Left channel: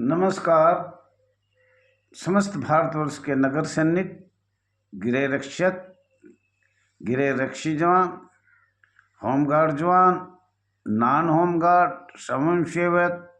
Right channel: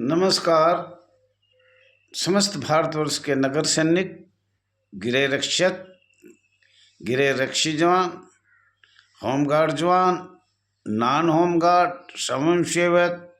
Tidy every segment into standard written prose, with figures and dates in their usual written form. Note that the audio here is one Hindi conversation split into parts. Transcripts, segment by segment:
नमस्कार। समस्त भारतवर्ष के नगर सैनिक, गृह रक्षक, गृह रक्षी जवान, होमगार्ड जवान, नॉन होमगार्ड, स्वयं सेवक,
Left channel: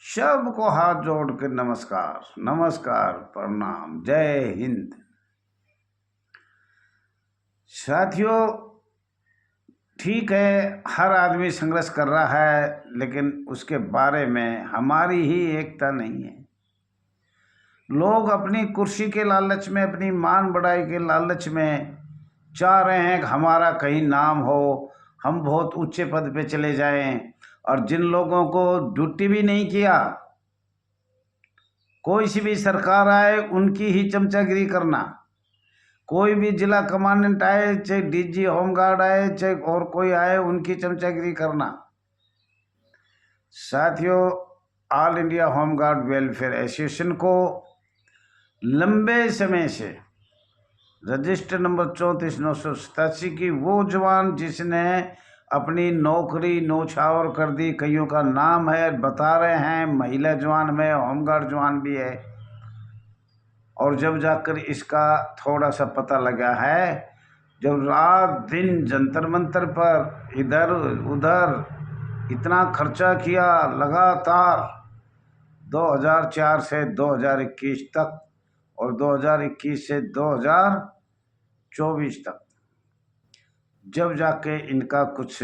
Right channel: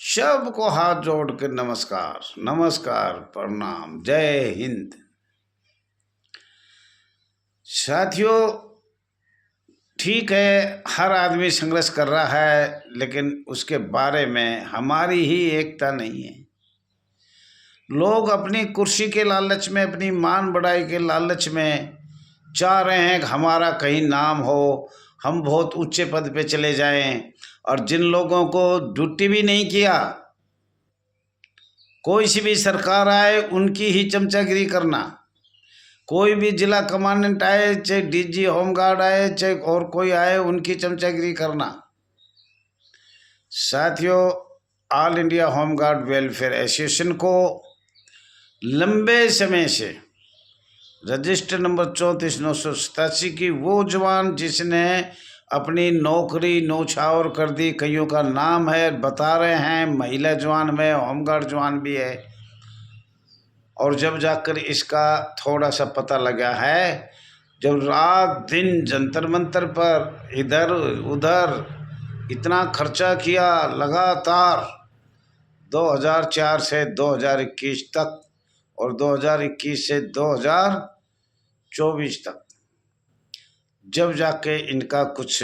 सबको हाथ जोड़ के नमस्कार, नमस्कार, प्रणाम, जय हिंद। साथियों, ठीक है, हर आदमी संघर्ष कर रहा है, लेकिन उसके बारे में हमारी ही एकता नहीं है। लोग अपनी कुर्सी के लालच में, अपनी मान बढ़ाई के लालच में चाह रहे हैं कि हमारा कहीं नाम हो, हम बहुत ऊंचे पद पे चले जाएं। और जिन लोगों को ड्यूटी भी नहीं किया, कोई सी भी सरकार आए उनकी ही चमचागिरी करना। कोई भी जिला कमांडेंट आए, चाहे डीजी होमगार्ड आए, चाहे और कोई आए, उनकी चमचागिरी करना। साथियों, all India home guard welfare association को लंबे समय से रजिस्टर नंबर 34,987 की वो जवान जिसने अपनी नौकरी नौछावर कर दी, कईयों का नाम है, बता रहे हैं, महिला जवान में होमगार्ड जवान भी है। और जब जाकर इसका थोड़ा सा पता लगा है, जब रात दिन जंतर मंतर पर इधर उधर इतना खर्चा किया लगातार 2004 से 2021 तक और 2021 से 2024 तक, जब जाके इनका कुछ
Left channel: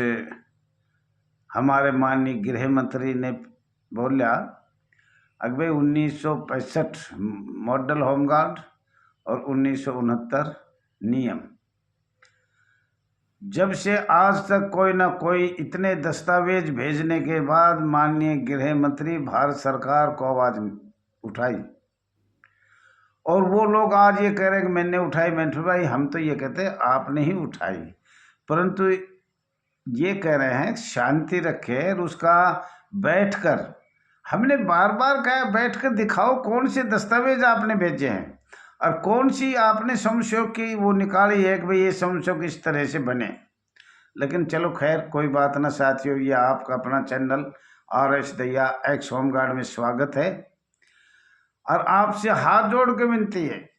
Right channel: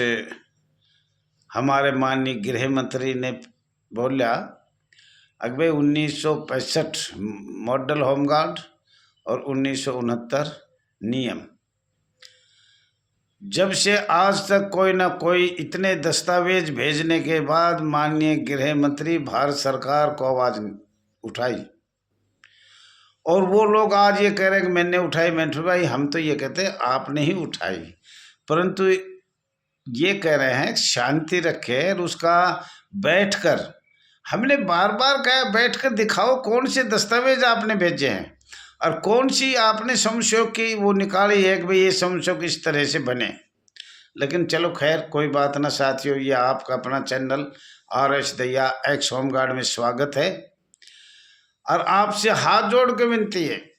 हमारे माननीय गृह मंत्री ने बोला, अगले 1965 मॉडल होमगार्ड और 1969 नियम, जब से आज तक कोई ना कोई इतने दस्तावेज भेजने के बाद माननीय गृह मंत्री भारत सरकार को आवाज उठाई। और वो लोग आज ये कह रहे हैं कि मैंने उठाई, मैंने उठाई। हम तो ये कहते हैं आपने ही उठाई, परंतु ये कह रहे हैं शांति रखे और उसका बैठकर, हमने बार बार कहा बैठकर दिखाओ कौन से दस्तावेज आपने भेजे हैं और कौन सी आपने समस्या की वो निकाली है कि भाई ये समस्या किस तरह से बने। लेकिन चलो खैर, कोई बात ना साथियों, ये आपका अपना channel RS Dahiya x home guard में स्वागत है। और आपसे हाथ जोड़ के विनती है,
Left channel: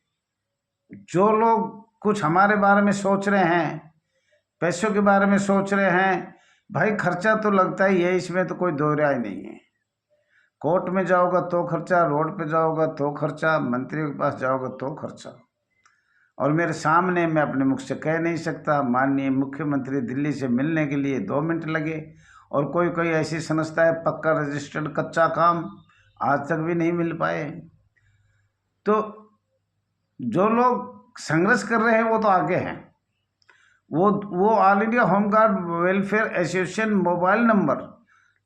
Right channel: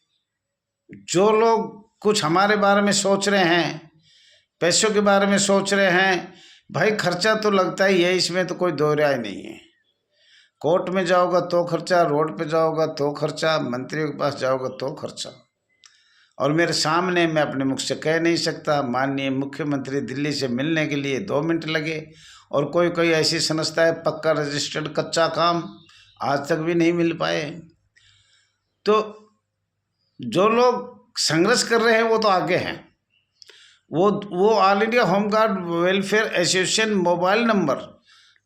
जो लोग कुछ हमारे बारे में सोच रहे हैं, पैसों के बारे में सोच रहे हैं, भाई खर्चा तो लगता ही है, इसमें तो कोई दो राय नहीं है। कोर्ट में जाओगा तो खर्चा, रोड पे जाओगा तो खर्चा, मंत्रियों के पास जाओगा तो खर्चा। और मेरे सामने, मैं अपने मुख से कह नहीं सकता, माननीय मुख्यमंत्री दिल्ली से मिलने के लिए 2 मिनट लगे, और कोई कोई ऐसी संस्था है पक्का रजिस्टर्ड, कच्चा काम, आज तक भी नहीं मिल पाए। तो जो लोग संघर्ष कर रहे हैं वो तो आगे हैं। वो all India home guard welfare association mobile number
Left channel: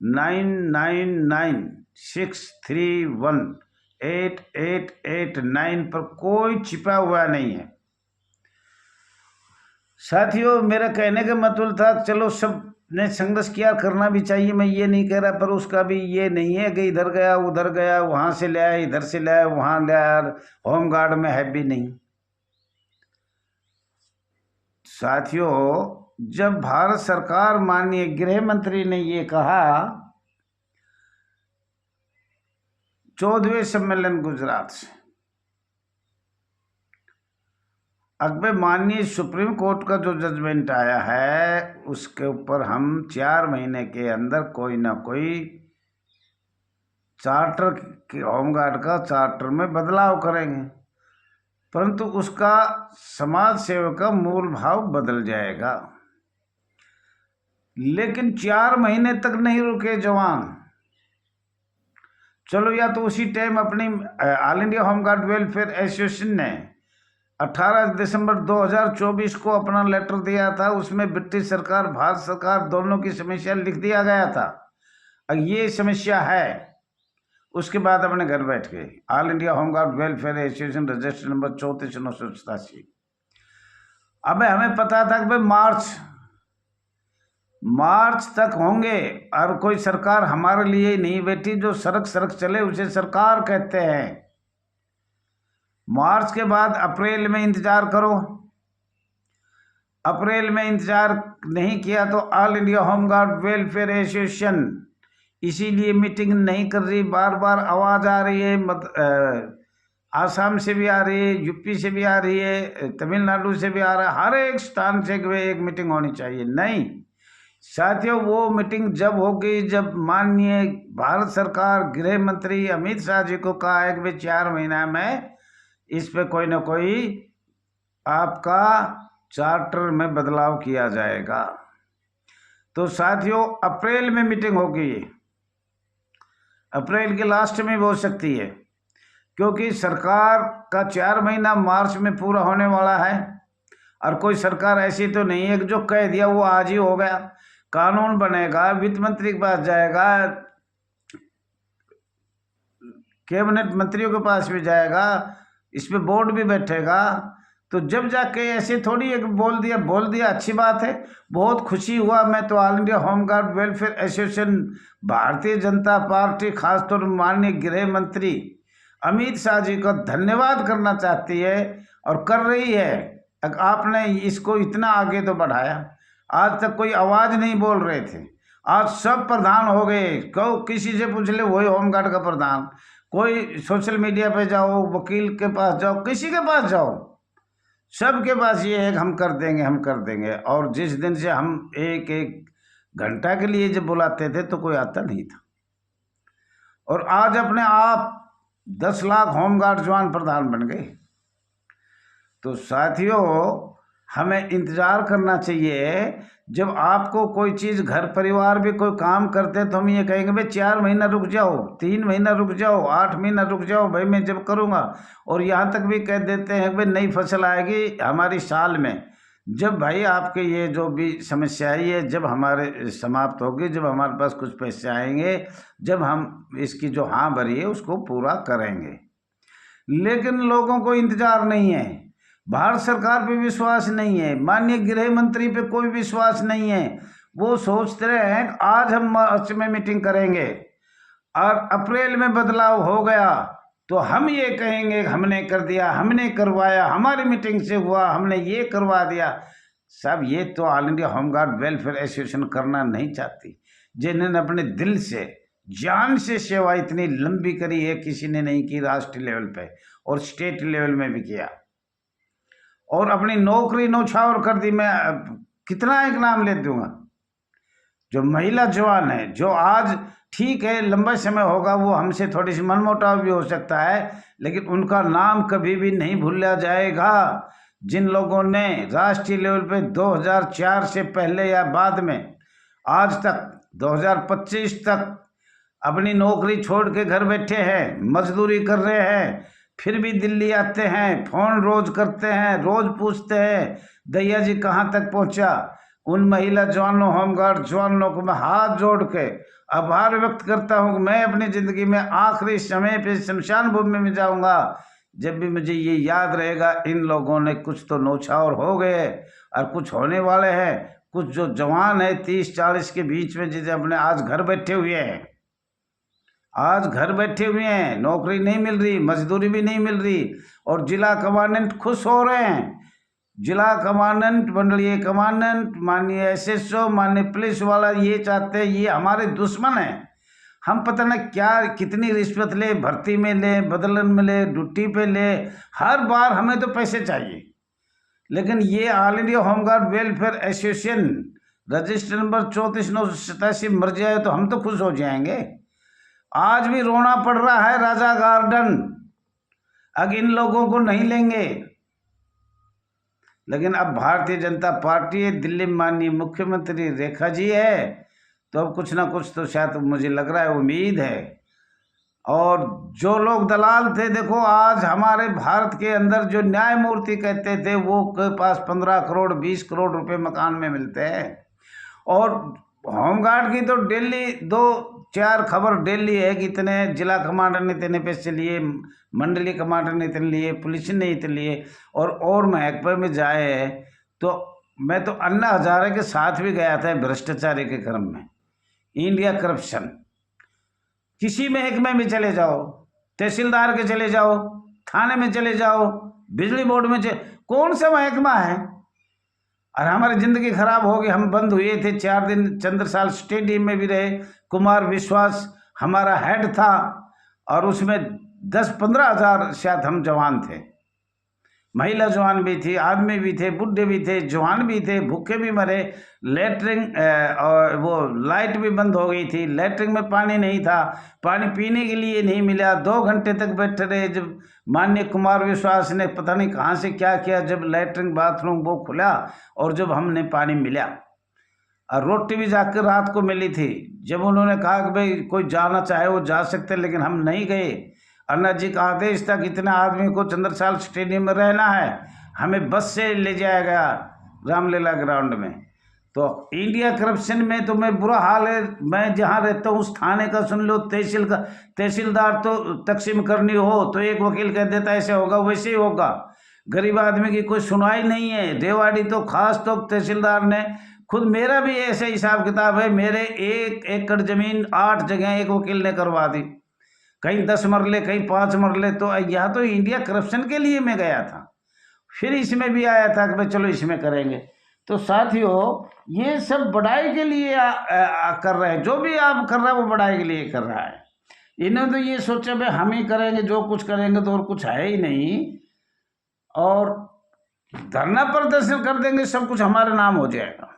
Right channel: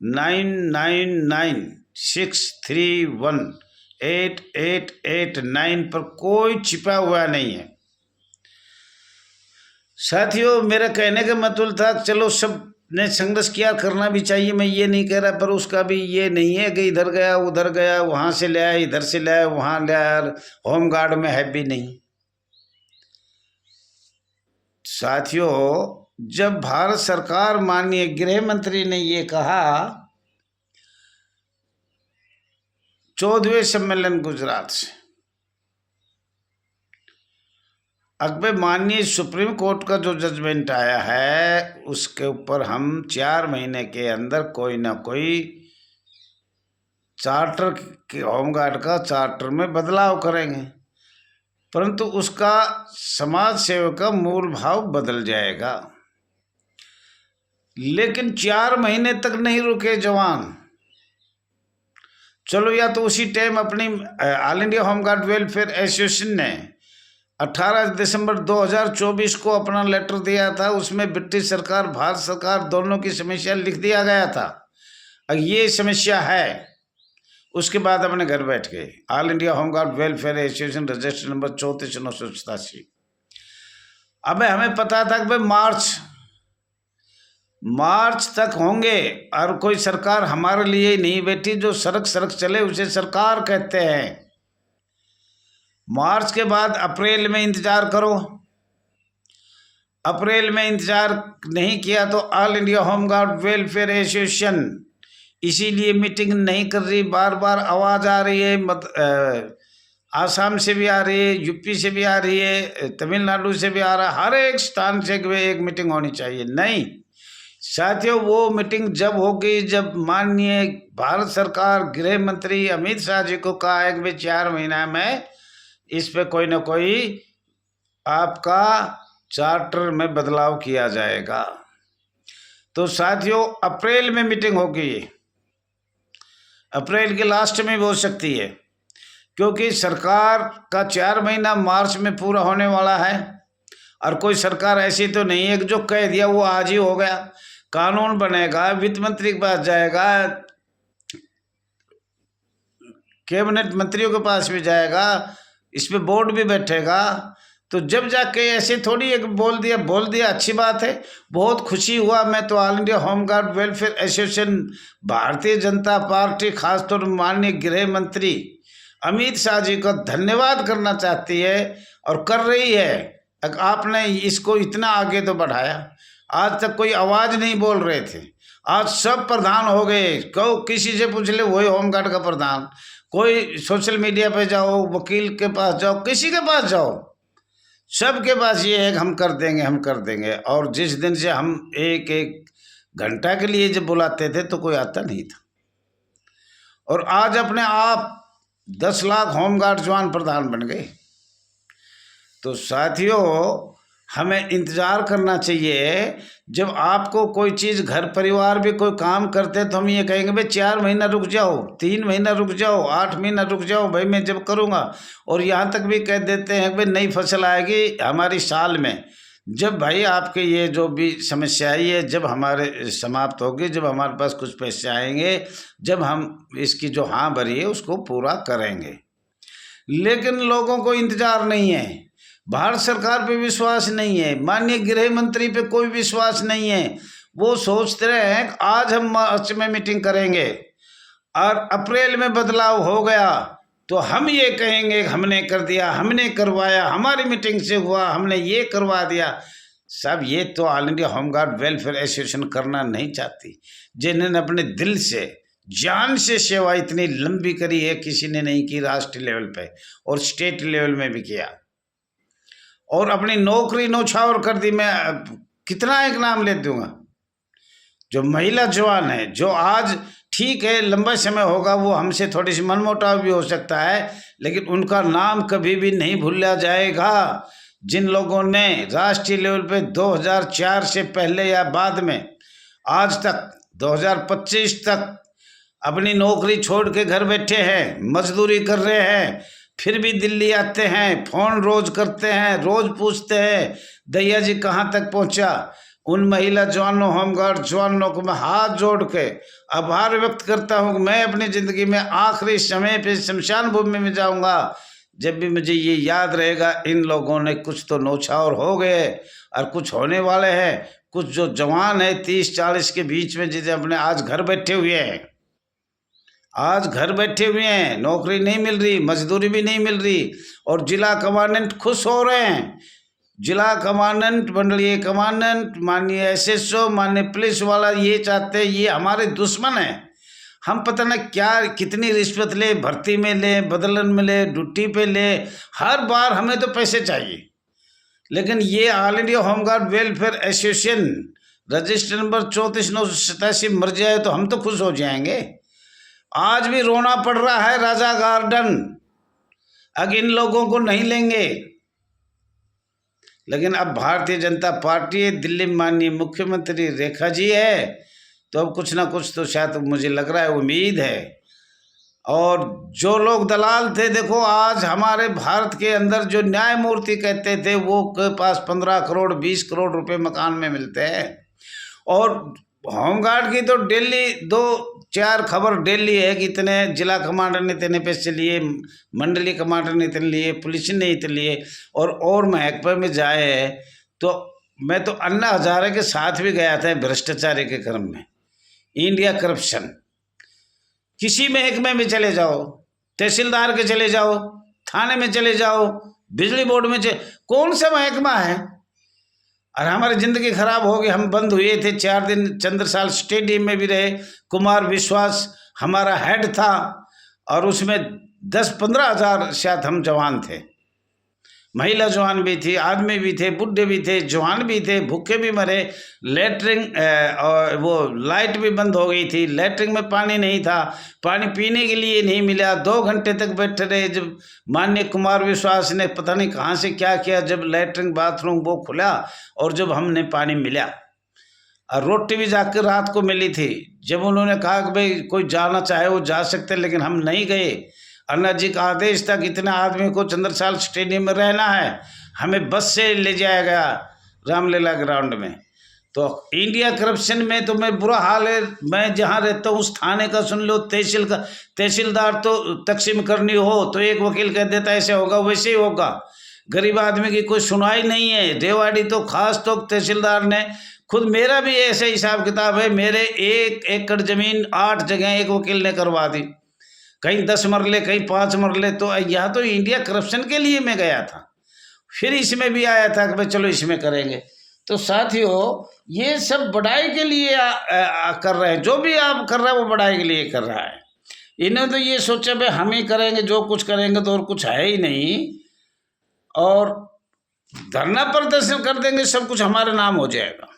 9996318889 पर कोई छिपा हुआ नहीं है। साथियों, मेरा कहने का मतलब था, चलो सब ने संघर्ष किया, करना भी चाहिए, मैं ये नहीं कह रहा, पर उसका भी ये नहीं है कि इधर गया उधर गया, वहाँ से ले आया, इधर से ले आया, वहाँ ले आया, होमगार्ड में है भी नहीं। साथियों, जब भारत सरकार, माननीय गृह मंत्री ने ये कहा, 14वें सम्मेलन गुजरात से, अगले माननीय सुप्रीम कोर्ट का जो जजमेंट आया है, उसके ऊपर हम 4 महीने के अंदर कोई ना कोई चार्टर के, होमगार्ड का चार्टर में बदलाव करेंगे, परंतु उसका समाज सेवा का मूल भाव बदल जाएगा। लेकिन 4 महीने तक नहीं रुके जवान। चलो, या तो उसी टाइम अपनी all India home guard welfare association ने 18 दिसंबर 2024 को अपना लेटर दिया था, उसमें ब्रिटिश सरकार, भारत सरकार दोनों की समस्या लिख दिया गया था। अब ये समस्या है, उसके बाद अपने घर बैठ गए। All India home guard welfare association register number 34,987। अब हमें पता था कि भाई मार्च तक होंगे, और कोई सरकार हमारे लिए ही नहीं बैठी, जो सड़क सड़क चले उसे सरकार कहते हैं। मार्च के बाद अप्रैल में इंतजार करो। अप्रैल में इंतजार नहीं किया तो all India home guard welfare association इसीलिए मीटिंग नहीं कर रही। बार बार आवाज़ आ रही है, आसाम से भी आ रही है, यूपी से भी आ रही है, तमिलनाडु से भी आ रहा है, हर एक स्थान से एक मीटिंग होनी चाहिए। नहीं साथियों, वो मीटिंग जब होगी जब माननीय भारत सरकार गृह मंत्री अमित शाह जी को कहा है कि भाई 4 महीना में इस पे कोई ना कोई आपका चार्टर में बदलाव किया जाएगा। तो साथियों अप्रैल में मीटिंग होगी, अप्रैल के लास्ट में भी हो सकती है, क्योंकि सरकार का 4 महीना मार्च में पूरा होने वाला है। और कोई सरकार ऐसी तो नहीं है कि जो कह दिया वो आज ही हो गया। कानून बनेगा, वित्त मंत्री के पास जाएगा, कैबिनेट मंत्रियों के पास भी जाएगा, इस पे बोर्ड भी बैठेगा। तो जब जाके ऐसे थोड़ी एक बोल दिया अच्छी बात है, बहुत खुशी हुआ। मैं तो all India home guard welfare association Bharatiya Janata party खासतौर पर माननीय गृह मंत्री अमित शाह जी को धन्यवाद करना चाहती है और कर रही है। आपने इसको इतना आगे तो बढ़ाया। आज तक कोई आवाज़ नहीं बोल रहे थे, आज सब प्रधान हो गए। किसी से पूछ ले वही होमगार्ड का प्रधान। कोई सोशल मीडिया पे जाओ, वकील के पास जाओ, किसी के पास जाओ, सबके पास ये है कि हम कर देंगे, हम कर देंगे। और जिस दिन से हम एक घंटा के लिए जब बुलाते थे तो कोई आता नहीं था, और आज अपने आप 10 लाख होमगार्ड जवान प्रधान बन गए। तो साथियों हमें इंतज़ार करना चाहिए। जब आपको कोई चीज़ घर परिवार भी कोई काम करते तो हम ये कहेंगे भाई 4 महीना रुक जाओ, 3 महीना रुक जाओ, 8 महीना रुक जाओ, भाई मैं जब करूँगा। और यहाँ तक भी कह देते हैं भाई नई फसल आएगी हमारी साल में। जब भाई आपके ये जो भी समस्या है ये जब हमारे समाप्त होगी, जब हमारे पास कुछ पैसे आएंगे, जब हम इसकी जो हाँ भरी है उसको पूरा करेंगे। लेकिन लोगों को इंतज़ार नहीं है, भारत सरकार पे विश्वास नहीं है, माननीय गृह मंत्री पे कोई विश्वास नहीं है। वो सोचते रहे हैं कि आज हम मार्च में मीटिंग करेंगे और अप्रैल में बदलाव हो गया तो हम ये कहेंगे हमने कर दिया, हमने करवाया, हमारी मीटिंग से हुआ, हमने ये करवा दिया। सब ये तो all India home guard welfare association करना नहीं चाहती, जिन्होंने अपने दिल से जान से सेवा इतनी लंबी करी है, किसी ने नहीं की। राष्ट्रीय लेवल पे और स्टेट लेवल में भी किया, और अपनी नौकरी नौछावर कर दी। मैं कितना एक नाम ले दूंगा, जो महिला जवान है, जो आज ठीक है लंबा समय होगा, वो हमसे थोड़ी सी मनमुटाव भी हो सकता है, लेकिन उनका नाम कभी भी नहीं भूला जाएगा। जिन लोगों ने राष्ट्रीय लेवल पे 2004 से पहले या बाद में आज तक 2025 तक अपनी नौकरी छोड़ के घर बैठे हैं, मजदूरी कर रहे हैं, फिर भी दिल्ली आते हैं, फ़ोन रोज़ करते हैं, रोज़ पूछते हैं दैया जी कहाँ तक पहुँचा। उन महिला जवानों होमगार्ड जवानों को मैं हाथ जोड़ के आभार व्यक्त करता हूँ कि मैं अपनी ज़िंदगी में आखिरी समय पे शमशान भूमि में जाऊँगा जब भी मुझे ये याद रहेगा इन लोगों ने कुछ तो नौछावर हो गए और कुछ होने वाले हैं। कुछ जो जवान है 30-40 के बीच में जिसे अपने आज घर बैठे हुए हैं, आज घर बैठे हुए हैं, नौकरी नहीं मिल रही, मजदूरी भी नहीं मिल रही, और जिला कमांडेंट खुश हो रहे हैं। जिला कमांडेंट, मंडलीय कमांडेंट, माननीय एसएसओ, माननीय पुलिस वाला ये चाहते हैं ये हमारे दुश्मन हैं। हम पता न क्या कितनी रिश्वत ले, भर्ती में ले, बदलन में ले, ड्यूटी पे ले, हर बार हमें तो पैसे चाहिए। लेकिन ये all India home guard welfare association register number 34,987 मर जाए तो हम तो खुश हो जाएंगे। आज भी रोना पड़ रहा है राजा गार्डन, अब इन लोगों को नहीं लेंगे। लेकिन अब भारतीय जनता पार्टी है, दिल्ली में माननीय मुख्यमंत्री रेखा जी है, तो अब कुछ ना कुछ तो शायद मुझे लग रहा है, उम्मीद है। और जो लोग दलाल थे, देखो आज हमारे भारत के अंदर जो न्यायमूर्ति कहते थे वो के पास 15 करोड़ 20 करोड़ रुपए मकान में मिलते हैं, और होमगार्ड की तो डेली 2-4 खबर डेली है कि इतने जिला कमांडर ने इतने पैसे लिए, मंडलीय कमांडर ने इतने लिए, पुलिस ने इतने लिए, और महकमे में जाए। तो मैं तो अन्ना हजारे के साथ भी गया था भ्रष्टाचारी के क्रम में, इंडिया करप्शन। किसी महकमे में चले जाओ, तहसीलदार के चले जाओ, थाने में चले जाओ, बिजली बोर्ड में कौन सा महकमा है और हमारी ज़िंदगी खराब हो गई। हम बंद हुए थे 4 दिन, चंद्रसाल स्टेडियम में भी रहे। कुमार विश्वास हमारा हेड था और उसमें 10-15 हज़ार शायद हम जवान थे। महिला जवान भी थी, आदमी भी थे, बुढ़े भी थे, जवान भी थे, भूखे भी मरे। लेटरिन और वो लाइट भी बंद हो गई थी, लेटरिन में पानी नहीं था, पानी पीने के लिए नहीं मिला। 2 घंटे तक बैठे रहे। जब माननीय कुमार विश्वास ने पता नहीं कहाँ से क्या किया, जब लेटरिन बाथरूम वो खुला और जब हमने पानी मिला, और रोटी भी जाकर रात को मिली थी। जब उन्होंने कहा कि भाई कोई जाना चाहे वो जा सकते, लेकिन हम नहीं गए। अन्ना जी का आदेश था कि इतने आदमी को चंद्रसाल स्टेडियम में रहना है, हमें बस से ले जाया गया रामलीला ग्राउंड में। तो इंडिया करप्शन में तो मैं बुरा हाल है। मैं जहाँ रहता हूँ उस थाने का सुन लो, तहसील का तहसीलदार तो तकसीम करनी हो तो एक वकील कह देता ऐसे होगा वैसे ही होगा। गरीब आदमी की कोई सुनवाई नहीं है। रेवाड़ी तो खास तो तहसीलदार ने खुद, मेरा भी ऐसे हिसाब किताब है, मेरे 1 एकड़ ज़मीन 8 जगह एक वकील ने करवा दी, कहीं 10 मरले, कहीं 5 मरले। तो यह तो इंडिया करप्शन के लिए मैं गया था, फिर इसमें भी आया था कि भाई चलो इसमें करेंगे। तो साथियों, ये सब बढ़ाई के लिए कर रहे हैं। जो भी आप कर रहा है वो बढ़ाई के लिए कर रहा है। इन्होंने तो ये सोचा भाई हम ही करेंगे, जो कुछ करेंगे तो और कुछ है ही नहीं, और धरना प्रदर्शन कर देंगे, सब कुछ हमारे नाम हो जाएगा।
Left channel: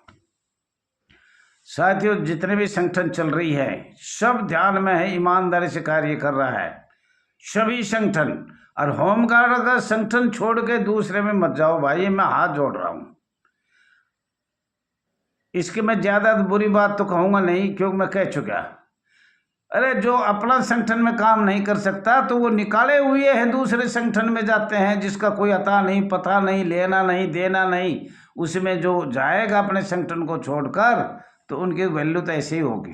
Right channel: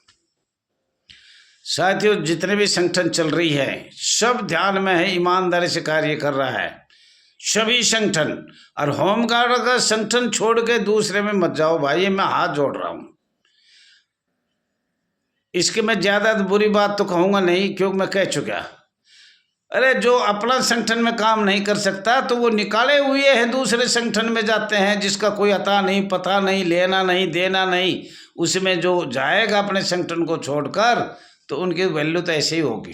साथियों, जितने भी संगठन चल रही है सब ध्यान में है, ईमानदारी से कार्य कर रहा है सभी संगठन। और होमगार्ड का संगठन छोड़ के दूसरे में मत जाओ भाई, ये मैं हाथ जोड़ रहा हूँ। इसके मैं ज़्यादा बुरी बात तो कहूँगा नहीं, क्योंकि मैं कह चुका। अरे जो अपना संगठन में काम नहीं कर सकता तो वो निकाले हुए हैं, दूसरे संगठन में जाते हैं, जिसका कोई अता नहीं, पता नहीं, लेना नहीं, देना नहीं। उसमें जो जाएगा अपने संगठन को छोड़कर तो उनकी वैल्यू तो ऐसे ही होगी।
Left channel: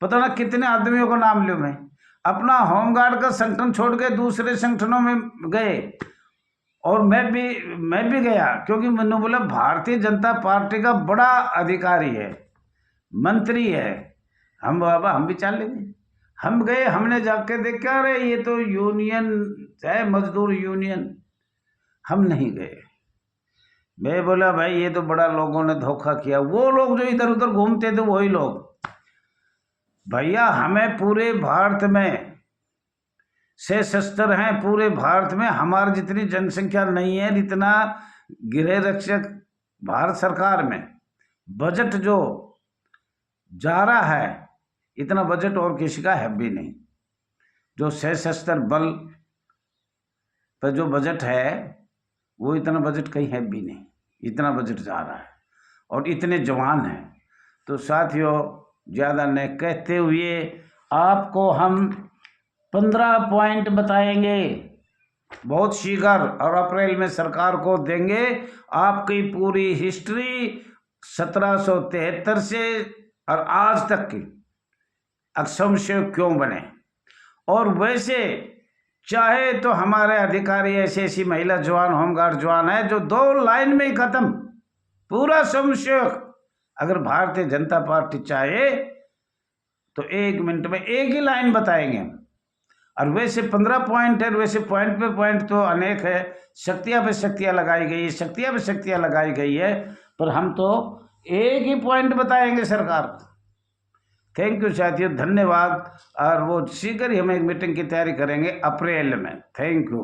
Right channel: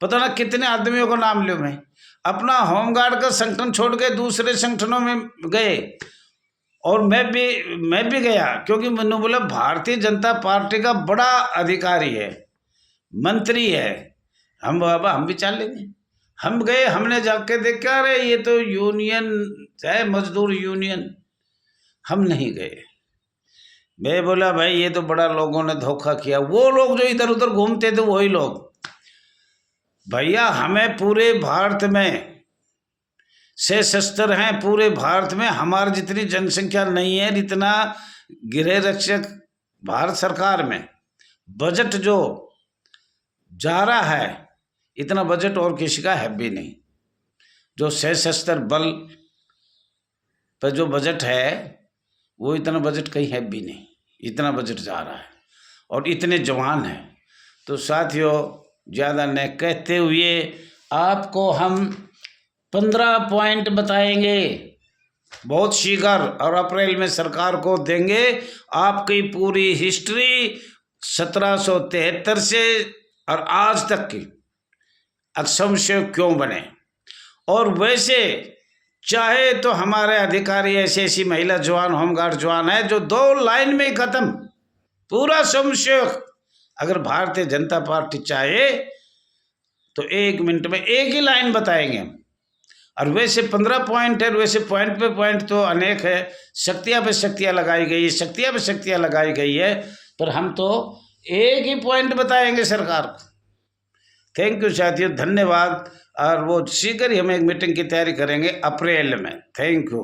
पता ना कितने आदमियों का नाम लूँ मैं। अपना होमगार्ड का संगठन छोड़ के दूसरे संगठनों में गए, और मैं भी गया, क्योंकि मैंने बोला भारतीय जनता पार्टी का बड़ा अधिकारी है, मंत्री है, हम बाबा हम भी चाल लेंगे। हम गए, हमने जाके देखा अरे ये तो यूनियन है, मजदूर यूनियन। हम नहीं गए। मैं बोला भाई ये तो बड़ा लोगों ने धोखा किया। वो लोग जो इधर उधर घूमते थे वही लोग। भैया हमें पूरे भारत में सशस्त्र हैं, पूरे भारत में हमारी जितनी जनसंख्या नहीं है, जितना गृह रक्षक भारत सरकार में बजट जो जा रहा है, इतना बजट और किसी का है भी नहीं। जो सशस्त्र बल पर जो बजट है वो इतना बजट कहीं है भी नहीं, इतना बजट जा रहा है और इतने जवान हैं। तो साथियों, ज़्यादा न कहते हुए आपको हम 15 पॉइंट बताएंगे बहुत शीघ्र, और अप्रैल में सरकार को देंगे आपकी पूरी हिस्ट्री 1773 से और आज तक की असंशय क्यों बने। और वैसे चाहे तो हमारे अधिकारी ऐसी ऐसी महिला जवान, होमगार्ड जवान है जो 2 लाइन में ही खत्म पूरा संशय। अगर भारतीय जनता पार्टी चाहे तो 1 मिनट में एक ही लाइन बताएंगे हम। और वैसे 15 पॉइंट है, वैसे पॉइंट पे पॉइंट तो अनेक है, शक्तियाँ पे शक्तियाँ लगाई गई है, शक्तियाँ पे शक्तियाँ लगाई गई है, पर हम तो एक ही पॉइंट बताएंगे सरकार को। थैंक यू साथियों, धन्यवाद। और वो शीघ्र ही हम एक मीटिंग की तैयारी करेंगे अप्रैल में। Thank you.